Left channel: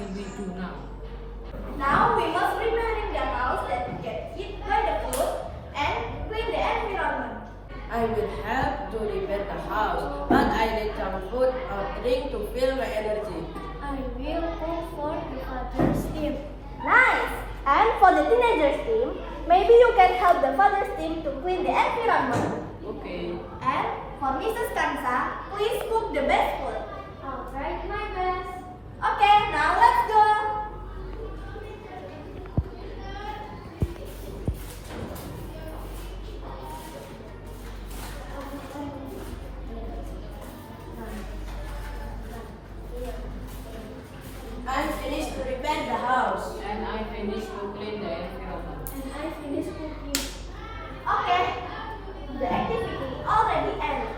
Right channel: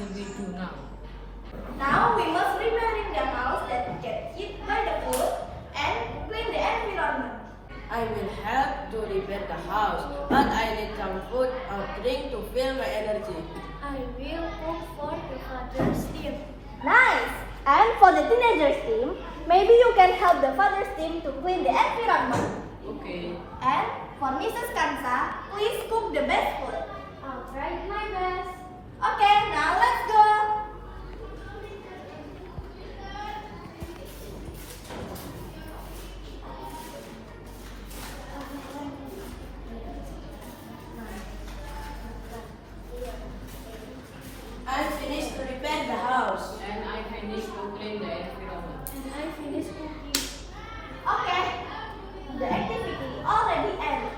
will we do now? Now we must remain in the house that gets hit by the food and clean the environment. I will help to repair the house, but I need some food or drink to fill my energy. I will cook for the father's team. Nice! And for the teenagers team, maybe you can help the father's team to clean the environment. Okay. And for Mrs. Kansa, please cook the best food. I'll try my best. Okay, now let's go. I finished to repair the house. And I finished to clean the environment. And I finish cooking. Okay, the activity already ended.